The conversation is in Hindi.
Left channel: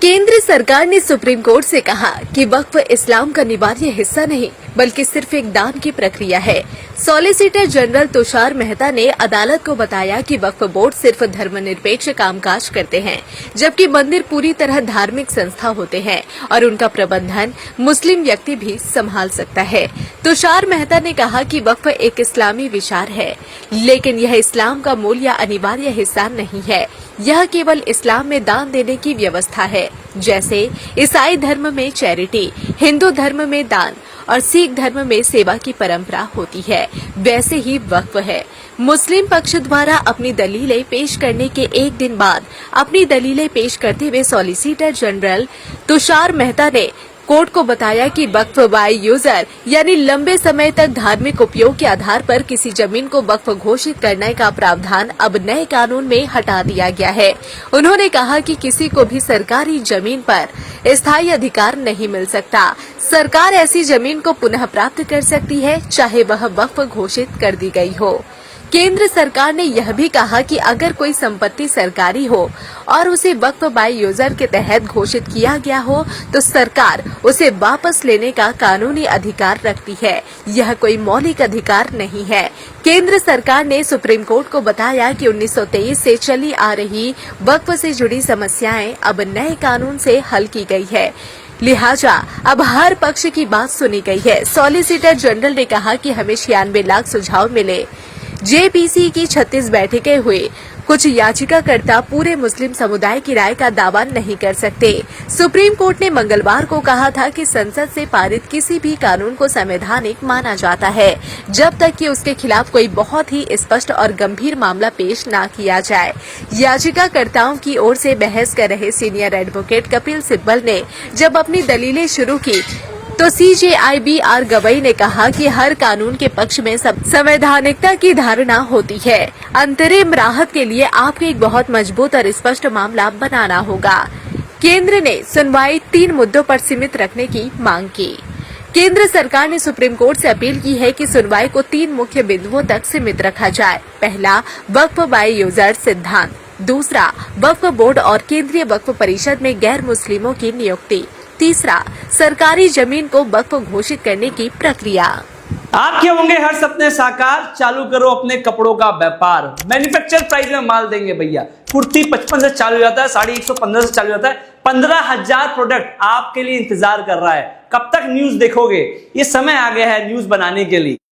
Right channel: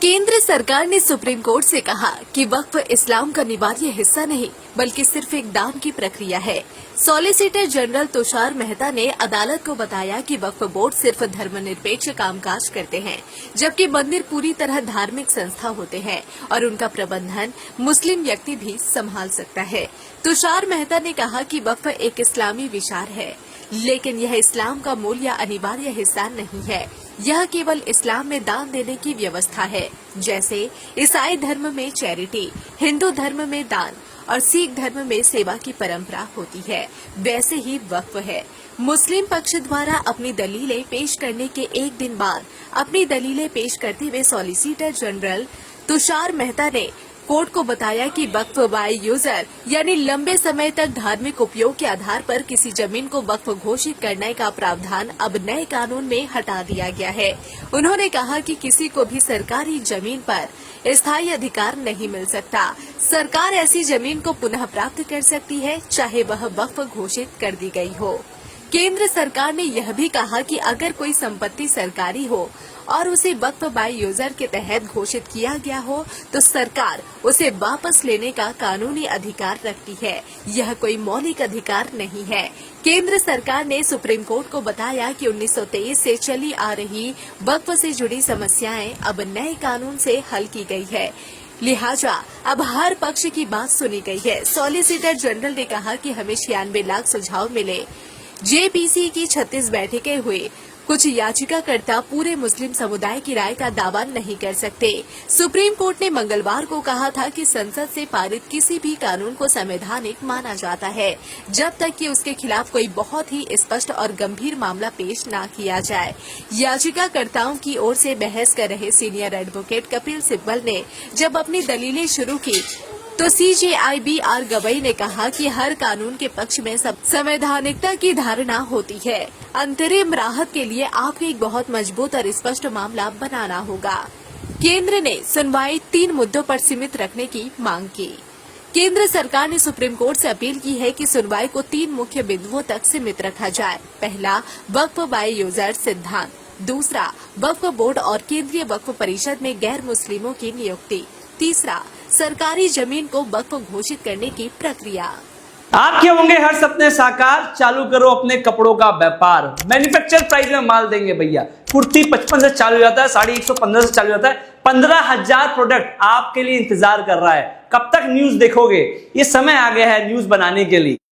केंद्र सरकार ने सुप्रीम कोर्ट से कहा कि वक्फ इस्लाम का अनिवार्य हिस्सा नहीं बल्कि सिर्फ एक दान की प्रक्रिया है। सॉलिसिटर जनरल तुषार मेहता ने अदालत को बताया कि वक्फ बोर्ड सिर्फ धर्मनिरपेक्ष कामकाज करते हैं, जबकि मंदिर पूरी तरह धार्मिक संस्था होते हैं और उनका प्रबंधन मुस्लिम व्यक्ति भी संभाल सकता है। तुषार मेहता ने कहा कि वक्फ एक इस्लामी विचार है, लेकिन यह इस्लाम का मूल या अनिवार्य हिस्सा नहीं है। यह केवल इस्लाम में दान देने की व्यवस्था है, जैसे ईसाई धर्म में चैरिटी, हिंदू धर्म में दान और सिख धर्म में सेवा की परंपरा होती है, वैसे ही वक्फ है। मुस्लिम पक्ष द्वारा अपनी दलीलें पेश करने के एक दिन बाद अपनी दलीलें पेश करते हुए सॉलिसिटर जनरल तुषार मेहता ने कोर्ट को बताया कि वक्फ बाय यूजर यानी लंबे समय तक धार्मिक उपयोग के आधार पर किसी जमीन को वक्फ घोषित करने का प्रावधान अब नए कानून में हटा दिया गया है। उन्होंने कहा कि किसी को भी सरकारी जमीन पर स्थायी अधिकार नहीं मिल सकता। सरकार ऐसी जमीन को पुनः प्राप्त कर सकती है, चाहे वह वक्फ घोषित कर दी गई हो। केंद्र सरकार ने यह भी कहा कि अगर कोई संपत्ति सरकारी हो और उसे वक्फ बाय यूजर के तहत घोषित किया गया हो तो सरकार उसे वापस लेने का कानूनी अधिकार रखती है। यह कोई मौलिक अधिकार नहीं है। केंद्र सरकार ने सुप्रीम कोर्ट को बताया कि 1923 से चली आ रही वक्फ से जुड़ी समस्याएं अब नए कानून से हल की गई है, लिहाजा अब हर पक्ष की बात सुनी गई है। सॉलिसिटर जनरल ने कहा कि हमें 96 लाख सुझाव मिले। जेपीसी की 36 बैठकें हुई। कुछ याचिकाकर्ता पूरे मुस्लिम समुदाय की राय का दावा नहीं कर सकते। सुप्रीम कोर्ट ने मंगलवार को कहा था कि संसद से पारित किसी भी कानून को संवैधानिक माना जाता है, जब तक कि उसके खिलाफ कोई बहुत ही स्पष्ट और गंभीर मामला पेश न किया जाए। याचिकाकर्ताओं की ओर से बहस कर रहे सीनियर एडवोकेट कपिल सिब्बल ने जब अपनी दलीलें शुरू की तो CJI गवई ने कहा कि हर कानून के पक्ष में संवैधानिकता की धारणा होती है। अंतरिम राहत के लिए आपको एक बहुत मजबूत और स्पष्ट मामला बनाना होगा। केंद्र ने सुनवाई 3 मुद्दों पर सीमित रखने की मांग की। केंद्र सरकार ने सुप्रीम कोर्ट से अपील की है कि सुनवाई को 3 मुख्य बिंदुओं तक सीमित रखा जाए। पहला, वक्फ बाय यूजर सिद्धांत। दूसरा, वक्फ बोर्ड और केंद्रीय वक्फ परिषद में गैर मुस्लिमों की नियुक्ति। तीसरा, सरकारी जमीन को वक्फ घोषित करने की प्रक्रिया। आपके होंगे हर सपने साकार, चालू करो अपने कपड़ों का व्यापार। मैन्युफैक्चर प्राइस में माल देंगे भैया। कुर्ती 55 से चालू हो जाता है, साड़ी 115 से चालू हो जाता है। 15,000 प्रोडक्ट आपके लिए इंतजार कर रहा है। कब तक न्यूज देखोगे? ये समय आ गया है न्यूज बनाने के लिए।